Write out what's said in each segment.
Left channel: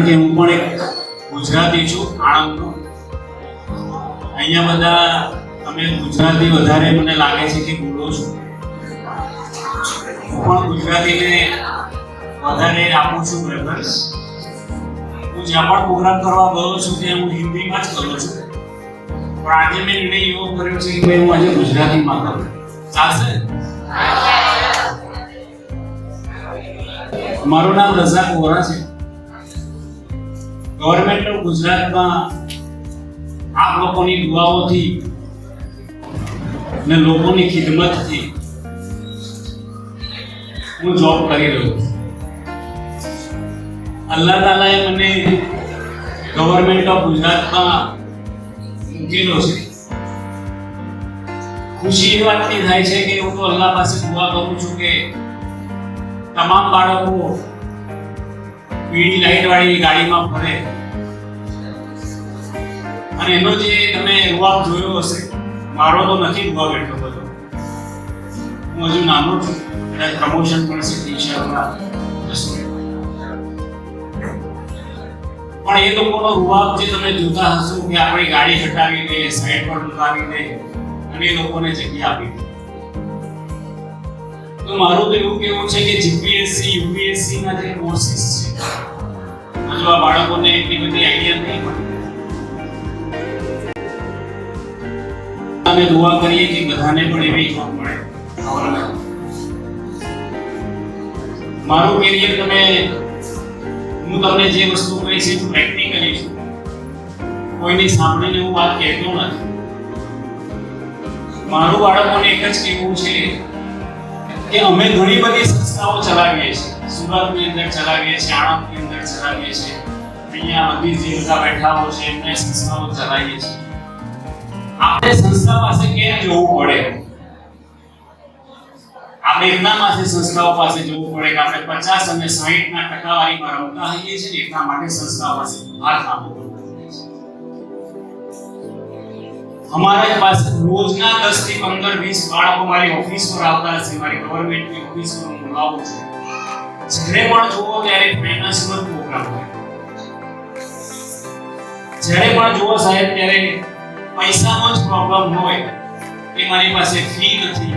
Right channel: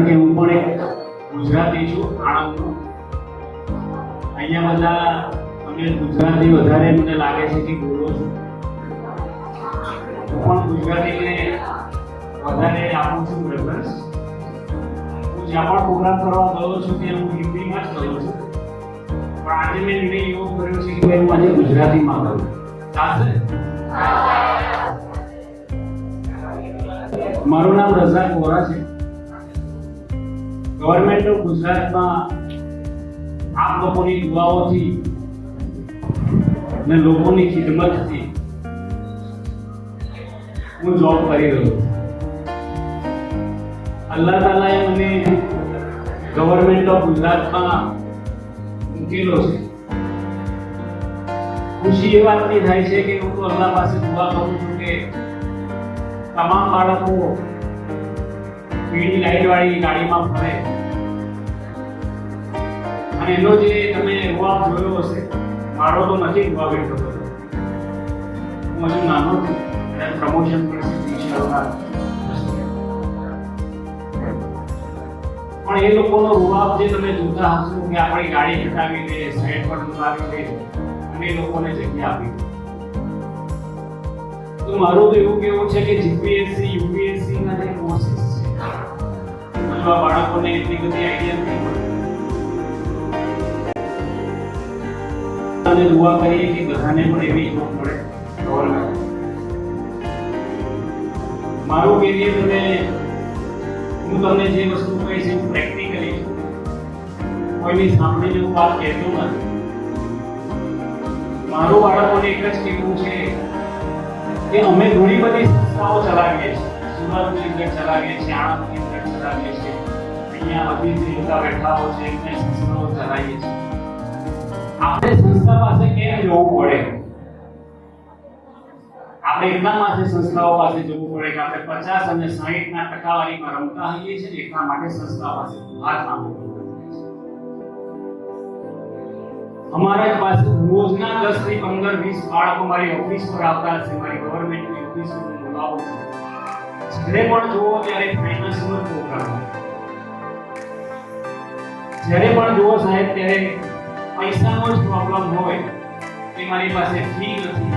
કારણ કે હું પણ એક ગુજરાતી છું, આણંદનો. અહીંયા બધા તમે ગુજરાતી વધારે મને લાગે છે કે બોલો છો. હું પણ ગુજરાતીને વધારે આપું છું પ્રેફરન્સ. હું જ્યાં પણ પ્રોગ્રામ કરવા ગયો છું ત્યાં હું હિન્દીમાં જ કરું છું, પણ આજે મેં નિર્ણય એવો કર્યો છે કે હું આજે ગુજરાતીમાં કરું. ચાલશે? મારું નામ રઝાક વોરા છે. ગવર્મેન્ટ ઓફ ગુજરાતમાં આપ લોકોની દુઆઓથી અને લોકોની ખિદમતથી હું જોબ કરી રહ્યો છું. અલ્લાહ તાલાએ મને ગવર્મેન્ટ ઓફ ગુજરાતમાં મૂકેલો છે. ખુશી એ વાતની થાય છે કે હું તો અલ્લાહ પાસે દુઆ કરું છું કે તમામ બાળકો પીળી લાઈટ વાળી ગાડીમાં ફરે અને એનો જે તમે રૂઆબ જોયો હશે, મારો તો નથી રૂઆબ એટલો બધો, હું હજુ નાનો છું, કદાચ પ્રમોશન પણ છે ટીચરમાં, પણ એ લોકોનો રૂઆબ જે તમે જોતા હશો કે આપણી ગાડી હટાવી દે, સાઈડ પર લગાવી દે અને એ લોકોને જગ્યા આપી દે. તો મારું તો એવું કેવું છે કે જીપીએસસી યુપીએસસી ના જે કોર્સિસ છે, જો આ બાળકોને એટલી બધી આઈડિયા નહીં હોય, અને દુઆ કરીએ કે બધાને પણ એવી જોબ મળે. મારું કેરિયર હું તમને જે વસ્તુ કહીશ એ પ્રેક્ટિકલી છું, કોઈની સામે હું વાત કહેતો નથી. મારું બાળકોને એક જ કહેવું છે કે અમે ઘણી બધી સંસ્થાઓ ચલાવીએ છીએ. સુરતની અંદર ચલાવીએ છીએ, આણંદની અંદર ચલાવીએ છીએ, અહીંયા બધી જે બધા બેઠાઓ છે એમને સંસ્થાઓ ચલાવીએ છીએ. આપણે સંસ્થા પાસે કેમ જવું પડે? આપણે એટલા માટે સંસ્થાઓ પાસે જવું પડે કે આપણે 50 અને 60 ના ટકાવારીમાં રમતા હોઈએ છીએ, એટલા માટે સંસ્થાઓ પાસે હાથ આપવો પડે. અમારા પાસે રોજના 10 થી 15 20 બાળકો મારી ઓફિસ પર આવતા હશે. મારી ગવર્મેન્ટની ઓફિસ પર હું બોલાવું છું. જ્યારે પણ જુઓ ત્યારે ફાઇનાન્સનો પ્રોગ્રામ હોય, જ્યારે પણ જુઓ સાહેબ ત્યારે પૈસાનો જ પ્રોબ્લેમ હોય કે મારી પાસે ફી નથી,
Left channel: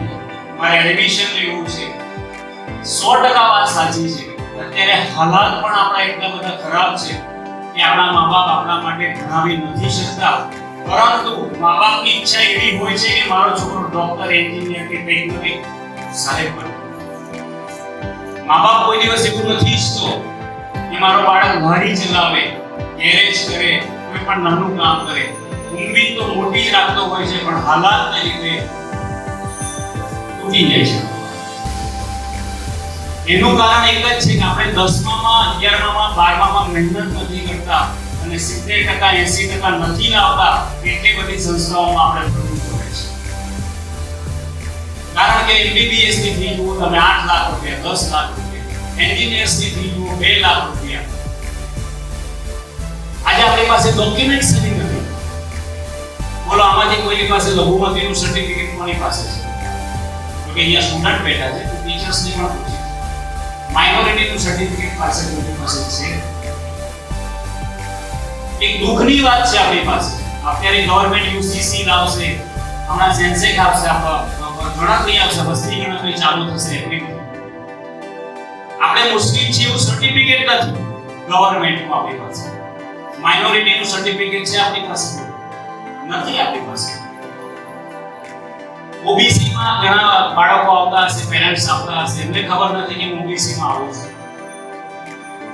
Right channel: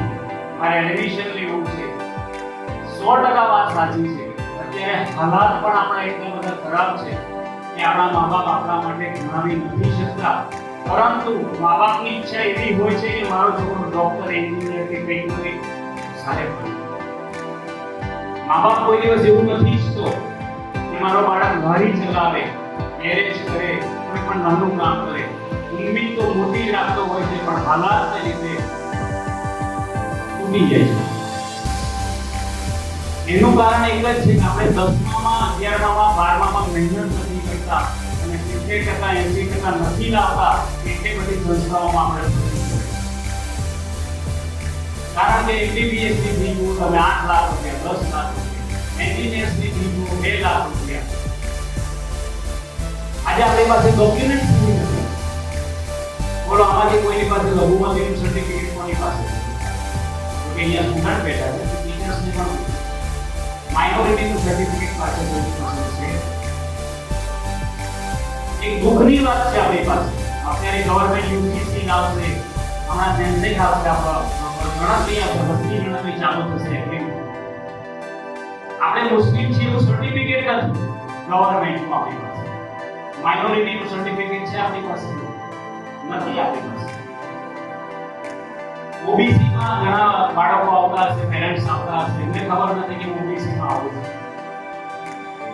મારે એડમિશન લેવું છે. 100% વાત સાચી છે. અત્યારે હાલાત પણ આપણા એટલા બધા ખરાબ છે કે આપણા મા બાપ આપણા માટે ભણાવી નથી શકતા, પરંતુ મા બાપની ઈચ્છા એવી હોય છે કે મારો છોકરો ડોક્ટર, એન્જિનિયર કે કંઈક બને સાહેબ બને. મા બાપ કોઈ દિવસ એવું નથી ઈચ્છતો કે મારો બાળક ગાડી ચલાવે, ગેરેજ કરે, કોઈ પણ નાનું કામ કરે. ઉમ્મીદ તો મોટી જ રાખતો હોય છે, પણ હાલાતને લીધે તૂટી જાય છે. એનું કારણ એક જ છે કે આપણે 10મામાં, 11મામાં, 12મામાં મહેનત નથી કરતા અને 70% 80% નથી લાવતા. એટલી બધી સંસ્થાઓમાં આપણે ફરવું પડે છે. કારણ કે MBBS ની ફી જુઓ તમે 8 લાખ રૂપિયા, 10 લાખ રૂપિયા, એન્જિનિયર્સ ની ફી જુઓ 2 લાખ રૂપિયા. આજે આપણી પાસે ડોક્યુમેન્ટ્સ નથી. બોલો આમાંથી કોઈની પાસે લઘુમતીનું સર્ટિફિકેટ કોની પાસે છે? કે અહીંયા સ્ટુડન્ટ બેઠા છે, તો ટીચર્સને પણ પૂછો. માઇનોરિટીનું સર્ટિફિકેટ પાસે કોઈની પાસે છે? એક દુઃખની વાત છે આપણી પાસે. અત્યારે ગવર્મેન્ટ યુસીસી લાવશે, હમણાં સેન્સેક આવશે, ગણતરી આવશે, વસ્તી ગણતરી ચાલુ થશે. આપણે મુસ્લિમ છીએ એવું સર્ટિફિકેટ નથી ગવર્મેન્ટમાં આપણી પાસે. માઇનોરિટીનું સર્ટિફિકેટ છે આપણી પાસે? નથી આપણી પાસે. ઓબીસી માં ઘણા બાળકો આવતા હશે, પેરેન્ટ્સ આવતા હશે, એમને ખબર નથી કે હું ઓબીસી માં આવું છું.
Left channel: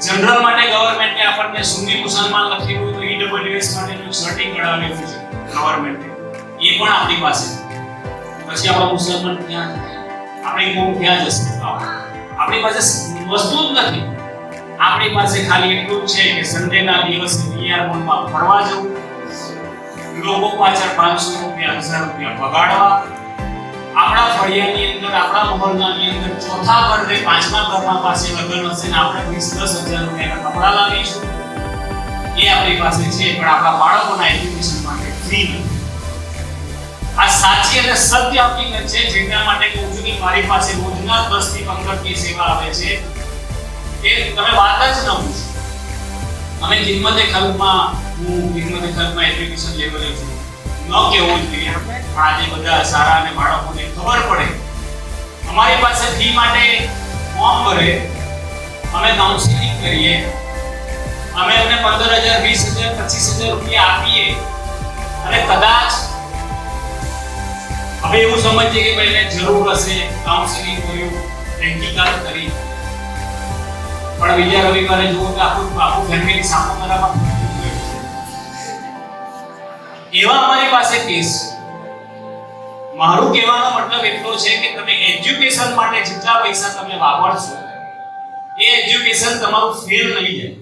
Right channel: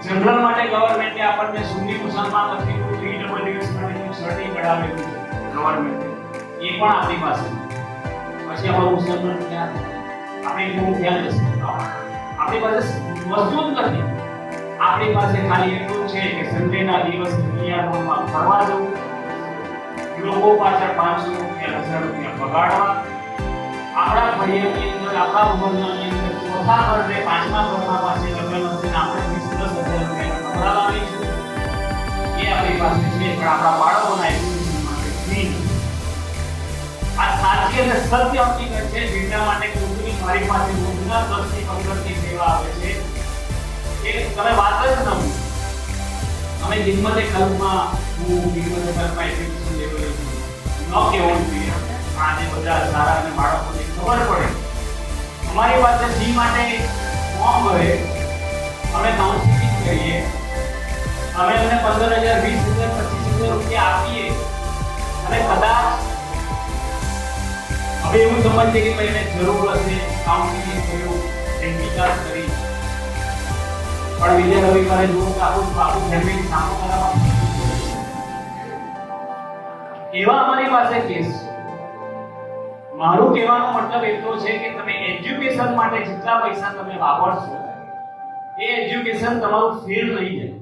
જનરલ માટે ગવર્મેન્ટે આપણને સુન્ની મુસલમાન લખેલું તો ઈડબ્લ્યુએસ માટેનું સર્ટિફિકેટ કઢાવેલું છે ગવર્મેન્ટે, એ પણ આપણી પાસે. પછી આપણો મુસલમાન ક્યાં, આપણી કોમ ક્યાં જશે? આપણી પાસે વસ્તુ જ નથી. આપણી પાસે ખાલી એટલું છે કે સન્ડેના દિવસે નિયરમાં ફરવા જવું, લોકો પાછળ 500 રૂપિયા, 1000 રૂપિયા બગાડવા, આપણા ફળિયાની અંદર, આપણા મોહલ્લાની અંદર ચોથા ઘરે, પાંચમા ઘરમાં પાસે લગ્ન હશે ને આપણે 20-10 હજાર રૂપિયા કપડા લાવીશું. એ આપણી પાસે છે, પણ આપણા બાળકોના એજ્યુકેશન માટે ફ્રી નથી. આ સાચી અને સત્ય હકીકત છે. જેના માટે કહું છું કે મારી પાસે રોજના 10 થી 15 ની સેવા આવે છે. એ તમે વાત જ ન પૂછો. અમે ખિદમતે ખલ્કમાં એજ્યુકેશન લેવલે છું ન કહેવું જોઈએ, પણ આજે બધા સારા અને બાળકોને ખબર પડે. અમારી પાસે ફી માટે ફોર્મ ભરે, અમે કાઉન્સિલિંગ કરીએ, અમે અમને 15,000 20,000 25,000 રૂપિયા આપીએ અને કદાચ હવે એવું સમજીએ કે ભાઈને જરૂર હશે કાઉન્સિલિંગ કર્યું, પ્રેક્ટિકલ કરી, પણ બીજા રવિવારે જુઓ કે આખું ફેમિલી સામો કરાવવા એવા અમારી પાસે કેસ છે. મારું કહેવાનો મતલબ એટલો છે કે તમે એજ્યુકેશન માટે જેટલા પૈસા તમે વાપરશો એ એજ્યુકેશન તમારું ફેલ નહીં જાય.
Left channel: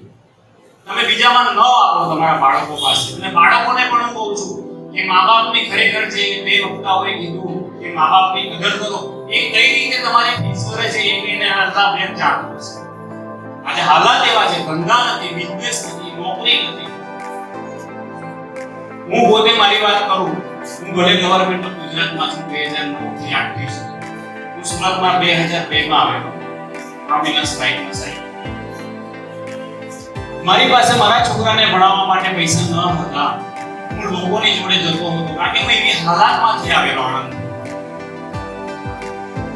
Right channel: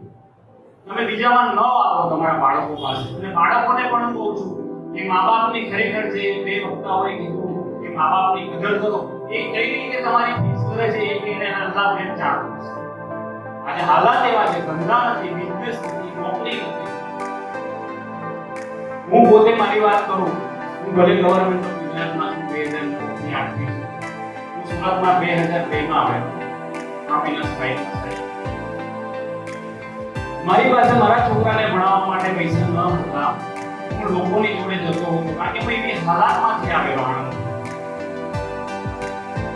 તમે બીજામાં ન વાપરો તમારા બાળકો પાસે. અને બાળકોને પણ હું કહું છું કે મા-બાપની ખરેખર જે બે વક્તાઓએ કીધું કે મા-બાપની કદર કરો, એ કઈ રીતે તમારી ફીસ કરે છે એ એને અલ્લાહ બેન જાણતો છે. આજે હાલાત એવા છે, ધંધા નથી, બિઝનેસ નથી, નોકરી નથી. હું પોતે મારી વાત કરું, હું ભલે ગવર્નમેન્ટ ઓફ ગુજરાતમાં છું 2009 થી 8 થી હું સુરતમાં 2002 માં આવ્યો પ્રોમિનન્સ લાઈનમાં સાહેબ. મારી પાસે મારા છોકરાને ભણાવવા માટે પૈસા ન હતા. હું લોકોની જોડે જતો હતો કારણ કે હું એવી હાલાતમાંથી આવેલો આણંદ.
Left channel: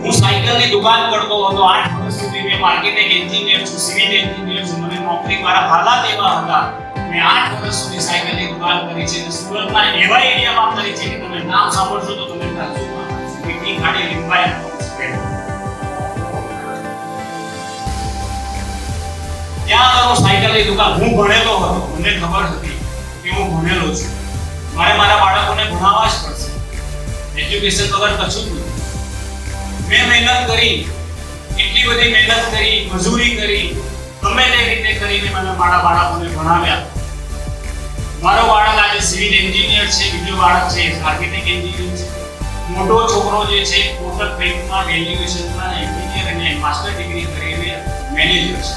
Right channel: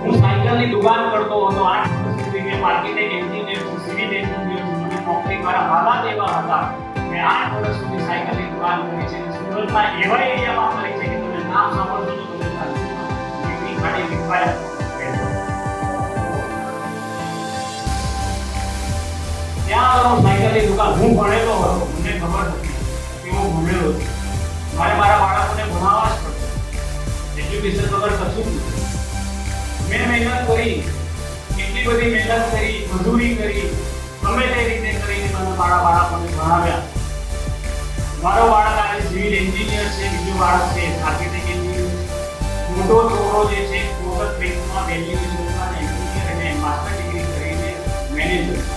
હું સાયકલની દુકાન કરતો હતો 8 વર્ષ સુધી. મેં આર્કિટેક્ટ એન્જિનિયર છું, સિવિલ એન્જિનિયર છું. મને નોકરી, મારા હાલાત એવા હતા. મેં 8 વર્ષ સુધી સાયકલની દુકાન કરી છે અને સુરતના એવા એરિયામાં કરી છે કે તમે નામ સાંભળશો તો તમે તાજુબમાં મીટિંગ ખાડી રિક્વાયર ત્યાં આગળ સાયકલની દુકાન. હું ભણેલો હતો, મને ખબર હતી કે હું ભણેલો છું, મારે મારા બાળકોને ભણાવવા જ પડશે. એજ્યુકેશન વગર કશું જ નથી. મેં મહેનત કરી, એટલી બધી મહેનત કરી, મજૂરી કરી, ગમે તે રીતે કરીને મને મારા બાળકોને ભણાવ્યા. મારો બાળક આજે સિવિલ એન્જિનિયર છે, બીજો બાળક છે આર્કિટેક્ટ એન્જિનિયર છે, મોટો છોકરો જે છે કોટક બેંકમાં વેલ્યુએશનમાં એન્જિનિયર અને માસ્ટર ડિગ્રી કરીને મેનેજર છે.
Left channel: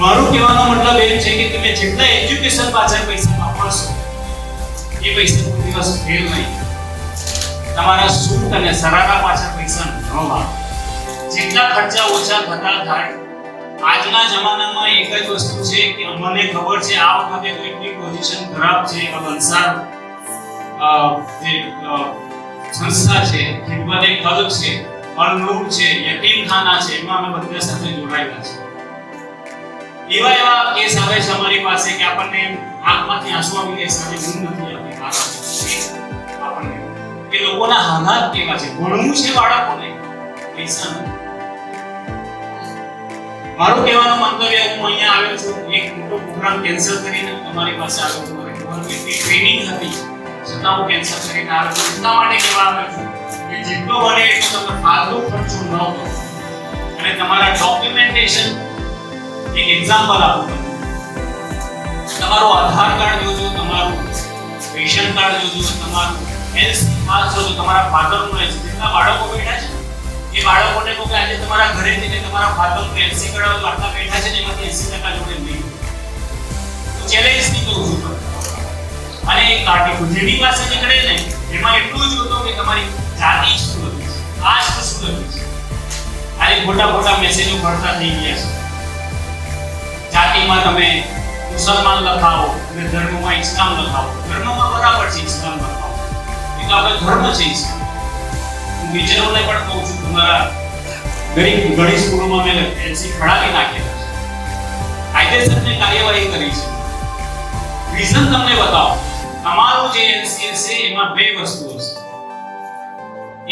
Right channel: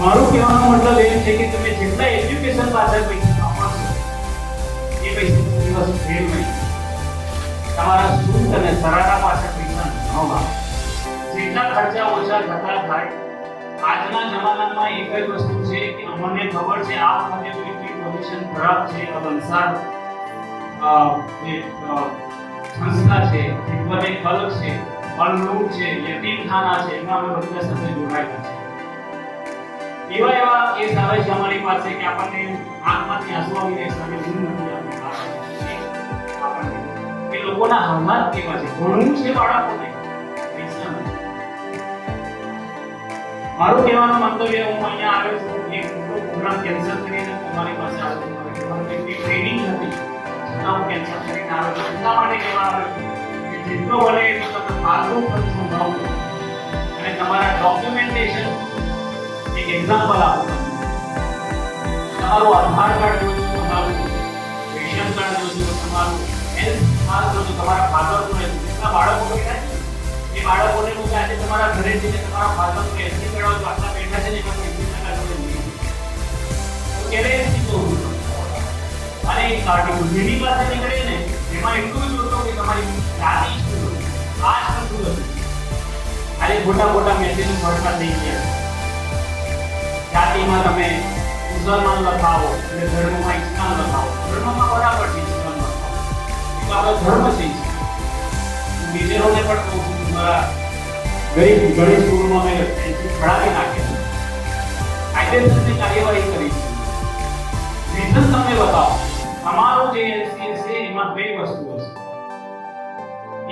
મારું કહેવાનો મતલબ એ છે કે તમે જેટલા એજ્યુકેશન પાછળ પૈસા વાપરશો એ પૈસા કોઈ દિવસ ફેલ નહીં. તમારા સૂટ અને સરારા પાછળ પૈસા ન વાપરો. જેટલા ખર્ચા ઓછા થતા થાય. આજના જમાનામાં એક જ વસ્તુ છે કે અમને ખબર છે આ વખતે તો એટલી પોઝિશન ખરાબ છે. આ વલસાડ જે સંસ્થા છે, ખિદમતે ખલ્ક છે, અલ-નૂર છે, યતીમખાના છે, એમાં અમે બધા સાથે જોડાયેલા છે. એવા કેસ આવે છે અમારી પાસે કે આપણને આંખમાંથી આંસુ આવી જાય, સામે ઊંઘ નથી આવતી આપણને કે લોકોના હાલાત કેવા છે. ભણવું છે બાળકોને, પૈસા નથી. મારું કહેવાનો મંતવ્ય, હું અહીંયા આવ્યો છું એક મોટો પ્રોગ્રામ કેન્સલ કરીને તમારી પાસે આવ્યો છું. મારી ગવર્નમેન્ટની ટ્રેનિંગ હતી છતાં હું કેન્સલ કરીને આવ્યો છું. એટલા માટે કહેવા આવ્યો છું કે જેટલો બને એટલો તમે ફાલતુ ખર્ચો ન કરો અને તમારા ડોક્યુમેન્ટેશન એક એક્ઝામ્પલ આપું. તમારું આધાર કાર્ડ જોજો, તમારું રેશન કાર્ડ જોજો, તમારું હેલ્થ પાસ જોજો, તમારા ફાધરનું છે. જેટલા બાળકો બેઠા છે એ બાળકોને કહો કે આજે તમારા ઘરે જઈને તમારા ફાધરનું એલસી કઢાવો. આટલા બેઠા છે ને એમાંથી 80% જોડે નહીં તો ચેલેન્જ થી કહું છું. અને એક આર્ટિકલ જેની પાસે નીકળે ને એમાં એટલું જોતો કે તમારી જાતિ શું લખી છે, કાસ્ટ શું લખી છે. આજે ખોટા મેસેજો ફરતા થઈ ગયા છે. જાતિમાં તમે મુસલમાન લખાવો અને ધર્મમાં ઇસ્લામ લખાવો. ધર્મમાં બરાબર છે, ઇસ્લામ લખાવો. એ તો આપણે ધર્મ છે ઇસ્લામ. હું ટીચરોને પણ કહું છું તમારા ઘણી સ્કૂલમાં મેં એનસી ખડાવી નાખેલી છે. કાયદેસરની કાર્યવાહી કરી છે. રીઝન તમને બતાવો. તમારું જે એનસી છે એમાં બે વસ્તુઓ છે,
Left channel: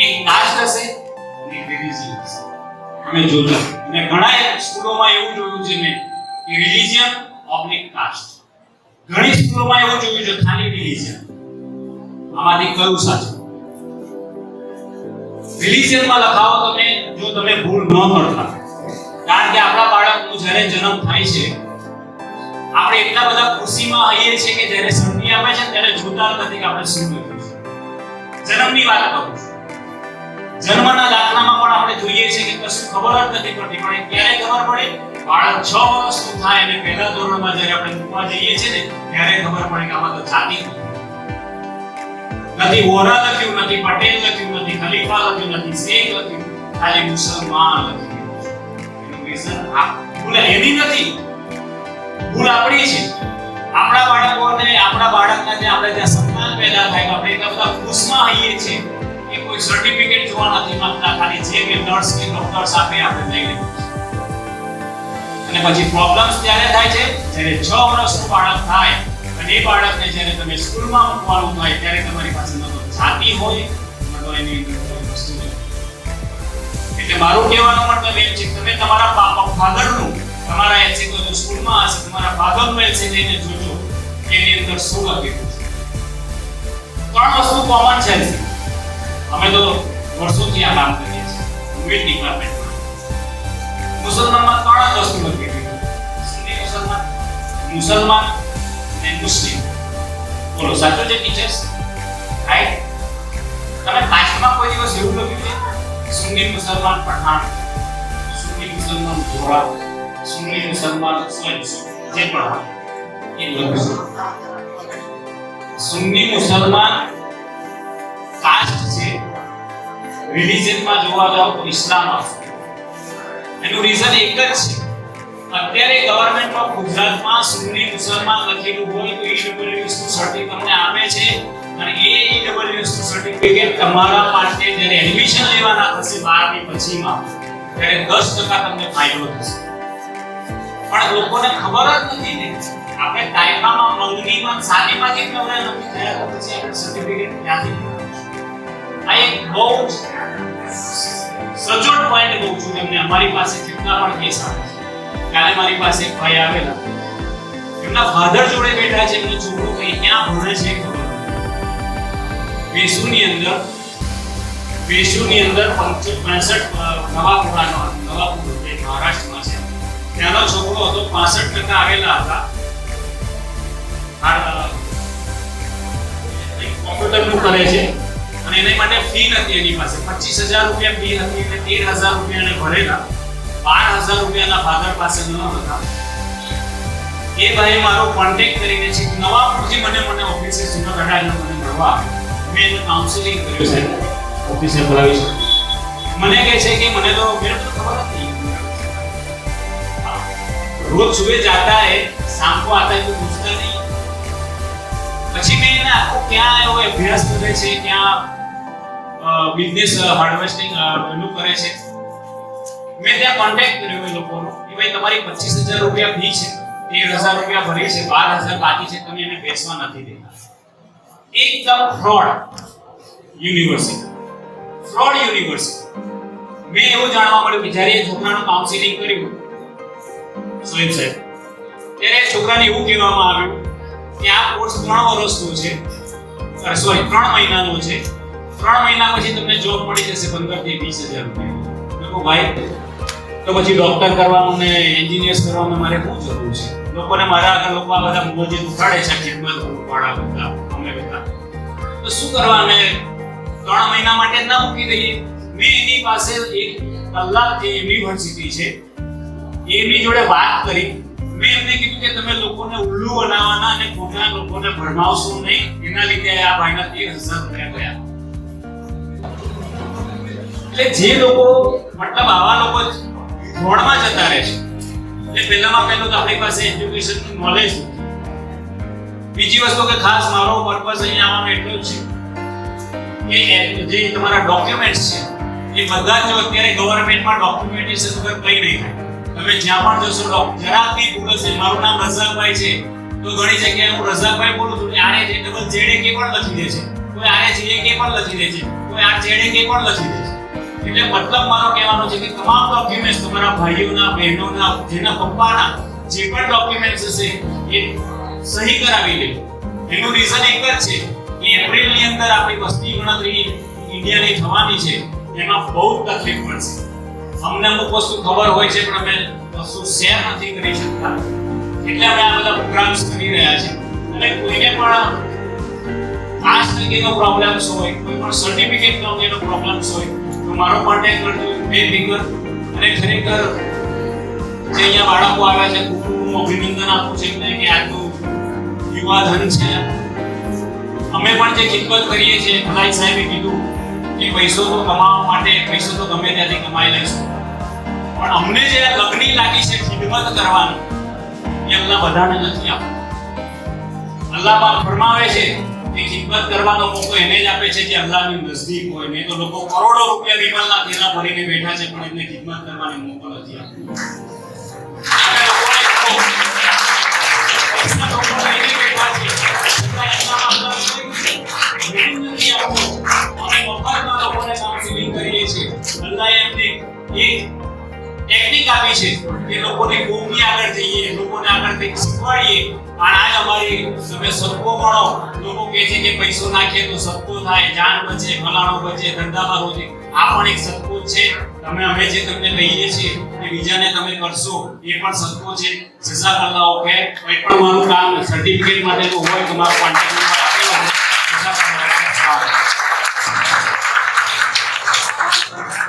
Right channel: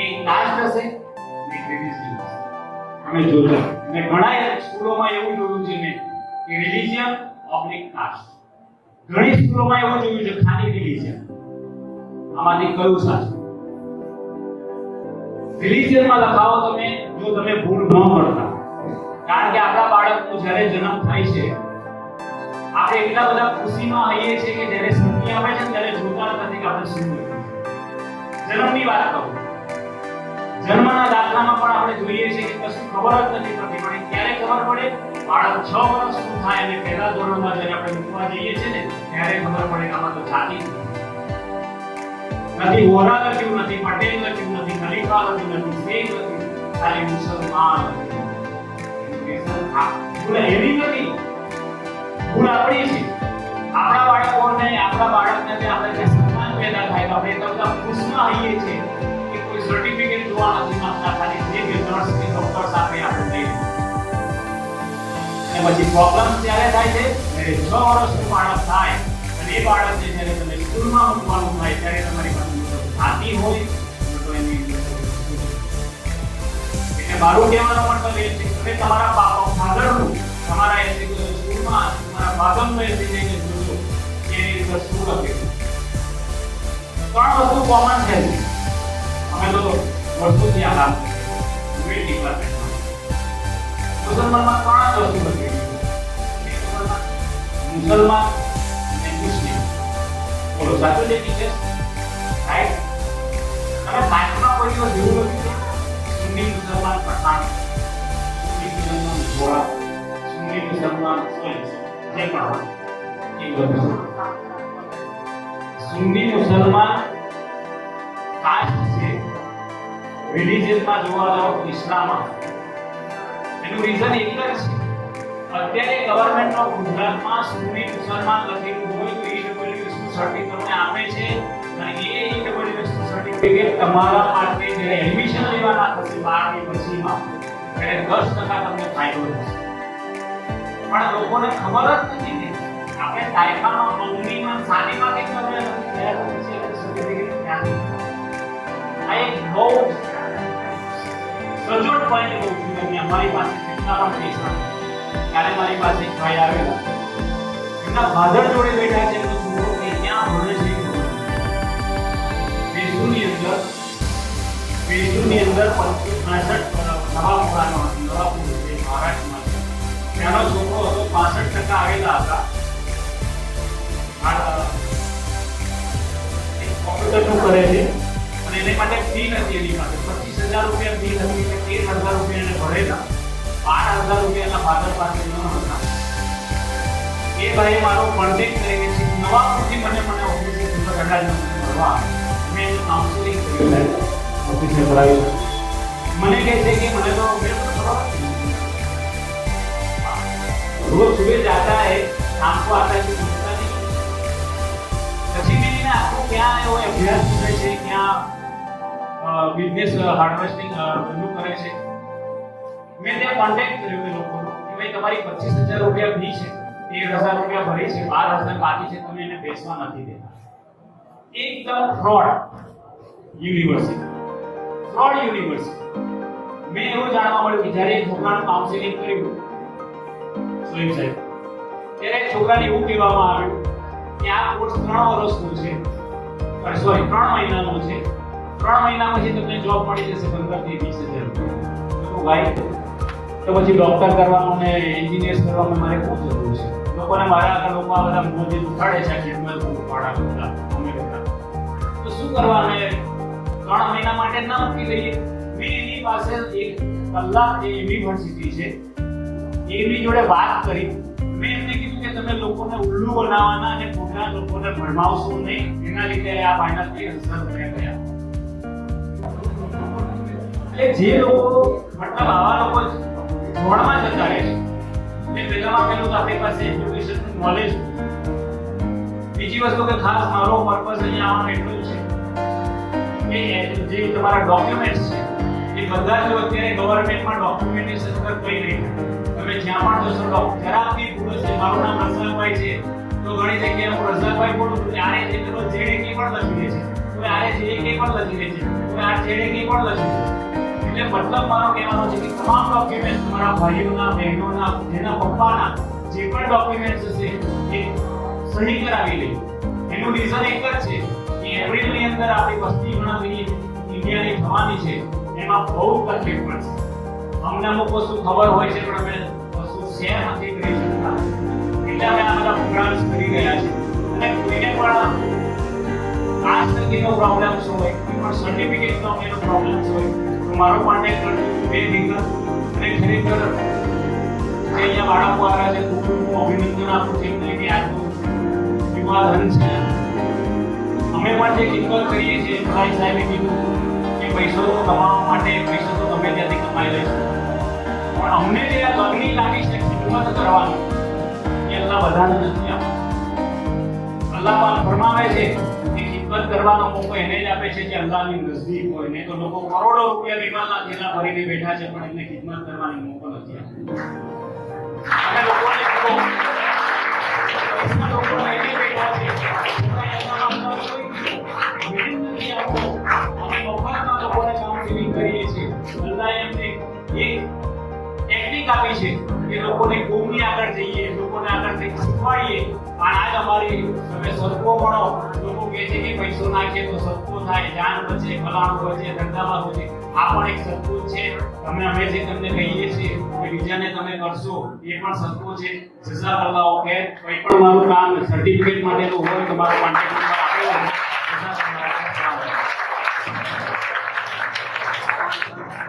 એક કાસ્ટ હશે અને રિલિજન હશે. અમે જોયું અને ઘણા સ્કૂલોમાં એવું જોયું છે મેં કે રિલિજન ઓબ્લિક કાસ્ટ. ઘણી સ્કૂલોમાં એવું જોયું છે ખાલી રિલિજન. આમાંથી કયું સાચું? રિલિજનમાં લખાવો તમે જો તમે ભૂલ ન કરતા. કારણ કે આપણા બાળકનો જ્યારે જન્મ થાય છે આપણે એટલા બધા ખુશીમાં હોઈએ છીએ કે જ્યારે સંધિ આવે છે ત્યારે જોતા નથી કે આપણે શું કર્યું છે. જન્મની વાત કરું છું. જન્મના દાખલામાં પણ આપણે જોઈએ છીએ કે કશું ખબર જ નથી પડતી, પણ ક્યારે ખબર પડે? બાળક 6 વર્ષનું થાય અને પહેલા ધોરણમાં જ્યારે આપણે મૂકવા જઈએ છીએ ને ત્યારે ખબર પડે કે આમાં તો જાતિ નથી. વોરા લખ્યું નથી, પટેલ લખ્યું નથી, ખલીફા લખ્યું નથી, શેખ લખ્યું, ખાલી મુસલમાન લખ્યું. એનું રીઝન આ ભૂલ એની નથી. ભૂલ આપણી છે. આપણા બાળકોને આપણા બાળકને આપણે જ્યાં સંતાન પેદા થાય આપણે એટલા બધા ખુશમાં હોઈએ છીએ કે કોઈ સર્ટિફિકેટ જોવા નથી માંગતા, ખાલી જે કે નર્સ કે ડોક્ટર્સ આપે આપણે લઈ લઈએ. અને પછી પ્રોબ્લેમ્સ ત્યારે થાય છે જ્યારે 6 વર્ષનું બાળક થાય અને એ બાળકને જ્યારે તમે સ્કૂલમાં મૂકવાનું થાય ત્યારે તમારી પાસે ન તો જાતિ હોય ન તો એની વસ્તુ હોય. એટલે મારું કહેવાનો મતલબ એમ છે કે તમે તમારા ફાધરનું તમારા એસી સ્કૂલમાં હશે તમારા ફાધરનું એસી લઈને જોજો કે એની અંદર શું લખેલું છે. 3 વસ્તુ કોમન છે. અમે તો વર્ષોથી આ કામ કરીએ છીએ વિવિધ ડિપાર્ટમેન્ટમાં. મુસલમાનમાં 3 વસ્તુ લખેલી છે: સુન્ની મુસલમાન અને મુસ્લિમ. બોલો સાચું છે ટીચર્સ? રાઈટ? તમે પાછળમાં કોઈ દિવસ એવું લખ્યું છે સુન્ની મુસલમાન પઠાણ, સુન્ની મુસલમાન જોરા, સુન્ની મુસલમાન જે પણ એ લખ્યું? સુન્ની મુસલમાન કાસ્ટ છે. રિલિજનમાં જોવા જાવ તો ઇસ્લામ આવશે. એનું રીઝન એક જ છે. અત્યારે ગવર્નમેન્ટમાં ગુજરાતમાં સુન્ની મુસલમાન લખેલું હોય તો ઈડબ્લ્યુએસ નું સર્ટિફિકેટ તમને આપે છે અને એ ઈડબ્લ્યુએસ નું સર્ટિફિકેટ તમારા માટે જ્યારે એડમિશન લેવાના થશે 12 ની પછીમાં ત્યારે 10% તમને ફાયદો થશે. પણ લોકોને ખબર જ નથી ને. આપણે કાયદામાં 9ની માં 7ની માં કેમ નંબર નથી થયા તો પછી આપણે સર્ટિફિકેટ ક્યાંથી? આ એક બહુ સચોટ પોઈન્ટ કહું છું તમને. અમારી પાસે જેટલા પણ કેસ આવે છે, કાલે મારી પાસે એક ભાઈ આવેલા, એમના ફાધર જોડે બેઠા છે, એમનો છોકરો કઈ ક્યાં ભણે છે વેસુની અંદર 65 નવાપુરાનો નવાપુર જે મહારાષ્ટ્રમાં છે ત્યાંનો છોકરો હતો. 65% આવેલા હતા. કોમ્પ્યુટરનું કરે છે અને એની માટે ફી નથી એની પાસે. 25000 રૂપિયા ફી હતી એટલે 13000 રૂપિયા એને ભરેલા. 12000 રૂપિયાના ફાધર પાસે ન હતા. એ ભાઈ મારો કોન્ટેક્ટ કરીને છે નવાપુરથી મને ઓફિસે સુરત મને મળવા. મેં કાઉન્સેલિંગ કર્યું છે ઓફિસે બોલાવી છે. મને કહે છે કે મને તો मेरे को थोड़ा नहीं, रोज सुबह जाता है शाम को आता है तो पूछता नहीं. પછી મેં એને આખો ક્યાં આવ્યો અભ્યાસ કરે છે, ક્યાં બિઝનેસ હાર્વેસ્ટિંગ એનું કરે છે. મેં ત્યાં કોન્ટેક્ટ કર્યો એ લોકોનો કે ભાઈ તમારી 25000 રૂપિયા ફી છે, 13000 રૂપિયા ભરી છે, 12000 બાકી છે, તમે એને બેસવા નથી દેતા. એકદમ ફ્રોડ યુનિવર્સિટી. મેં એવું જાણવા મળ્યું કે જ્યારે એ છોકરાનું કાઉન્સેલિંગ કર્યું સોએબ સાહેબ, ત્યારે છોકરાને એવું કહેવામાં આવ્યું કે આ કોર્સ 3 વર્ષનો છે, 3 મહિનાનો છે. 3 મહિના પછી તમને જોબ મળી જશે 15 થી 20000 રૂપિયા. તો ભાઈ તો પછી ડોક્ટર કરવાનું ને એન્જિનિયર્સ કરવાનું મારે શું જરૂર છે? લોકોને મારા આગળ લોકો આ બધા મોજે ઉઠાડે છે ખિદમત વાળા બધા અમે બધા. તો શું કરવા? અમે 3 મહિના માટે ના મૂકી દઈએ. મેં એની પાસે 1 કલાક જે યુનિવર્સિટી છે એમની જોડે વાત કરી. મેં એમને કીધું કે તમે લોકોને ઉલ્લુ બનાવવાના અને ખોટા લોકોને ભરમાવશો નહીં. એના લીધે આ ભાઈના 13000 રૂપિયા ગયા. એટલે જે લોકો મતલબ આવા લોકો ફ્રોડમાં જતા રહે છે. એટલે પહેલામાં પહેલું તો આપણી પાસે એજ્યુકેશનનું નોલેજ. બીજી વસ્તુ કે ખાસ મારો પર્પસ અહીંયા આવવાનો એટલો જ છે કે જે તમારા ડોક્યુમેન્ટ્સ છે એ બધા જો અત્યારે ગવર્નમેન્ટમાં ડોક્યુમેન્ટેશન વગર કંઈ નહીં થાય. તમે જ્યાં પણ જશો જરા બી ભૂલ હશે. મારું નામ રઝાકભાઈ છે તો ઘણી જગ્યાએ હું રઝાકભાઈ બોલું છું, આરે જે ડબલ જેડ કે પણ લખી દે છે, કોઈ આરે જે કે પણ લખી દે છે, કોઈ આ જેડ કે પણ લખી દે છે. એટલે મતલબ મારો કહેવાનો છે કે તમામ ડોક્યુમેન્ટ્સ તમારા ભાઈઓના, બહેનોના, જેના પપ્પાના જે પણ ડોક્યુમેન્ટ્સ હશે એ સહી કરાવી લે. એનું રીઝન એક જ છે કે એપ્રિલની અંદર આપણી વસ્તી ગણતરી ઇન્ડિયાની થવાની છે. એમાં બહુ તકલીફ પડશે. અમને અમુક વસ્તુ ખબર હોય છે પણ અમે વસ્તુ શેર નથી કરી શકતા. એટલે અમે આ બધા પ્રોગ્રામ્સ કરી રહ્યા છીએ. અને કોઈને પણ કાસ્ટ અંગેનો પ્રોબ્લેમ્સ હોય, કોઈ પણ સર્ટિફિકેટ અંગેનો પ્રોબ્લેમ્સ હોય તો મારો કોન્ટેક્ટ કરજો. બેફિકર. અને ખરેખર જે અહીંયા બાળકો આવ્યા છે ખૂબ હું અભિનંદન આપું છું એમને કે આજનું યુવા ધન છે. અમે પણ જે ખિદમત કરીએ છીએ, ભાઈ સાહેબે કીધું કે પૈસો કમાવા માટે પૈસો તો ગમે ત્યાંથી કમાઈ લઈશું, પણ અમને જે લગણી લાગી છે ખિદમત કરવાનું, એ એ અલ્લાહ બધાને નથી આપતો. અલ્લાહ ફરમાવે છે કે ખિદમત કરવાનો મોકો એને જ આપે છે જે અલ્લાહની નજદીક હોય. નહીં તો લોકો કરોડો રૂપિયા વિમાનના થેલા ભરીને બેઠા છે પણ એમને ખિદમત કરવાનો મોકો નથી આપતો. અને લોકોને પૈસા લોકો લઈને બેઠા છે નથી આપતો. અમે મફતમાં લોકોને કાઉન્સિલિંગ કરીએ છીએ. અલ્લાહે એમને એક ટેકનિક આપી છે કે લોકોને કોમની આગળ જઈએ, લોકોને આગળ કંઈક શીખવાડીએ. અને આજ અમારી તમે સદકો ગણો. લોકો કહે છે કે પૈસો નાખીએ તો સદકો થાય, જાન બચે, ફલાણો બચે, ધંધામાં બચે. આ પણ એક સદકો છે. અમે જે તમને કહીએ છીએ કે બીજાને તમે કરશો એ પણ સદકો છે. જઝાકલ્લાહ. કંઈ પણ મારું કામ સર્ટિફિકેટ માટેનું હોય તો મારો કોન્ટેક્ટ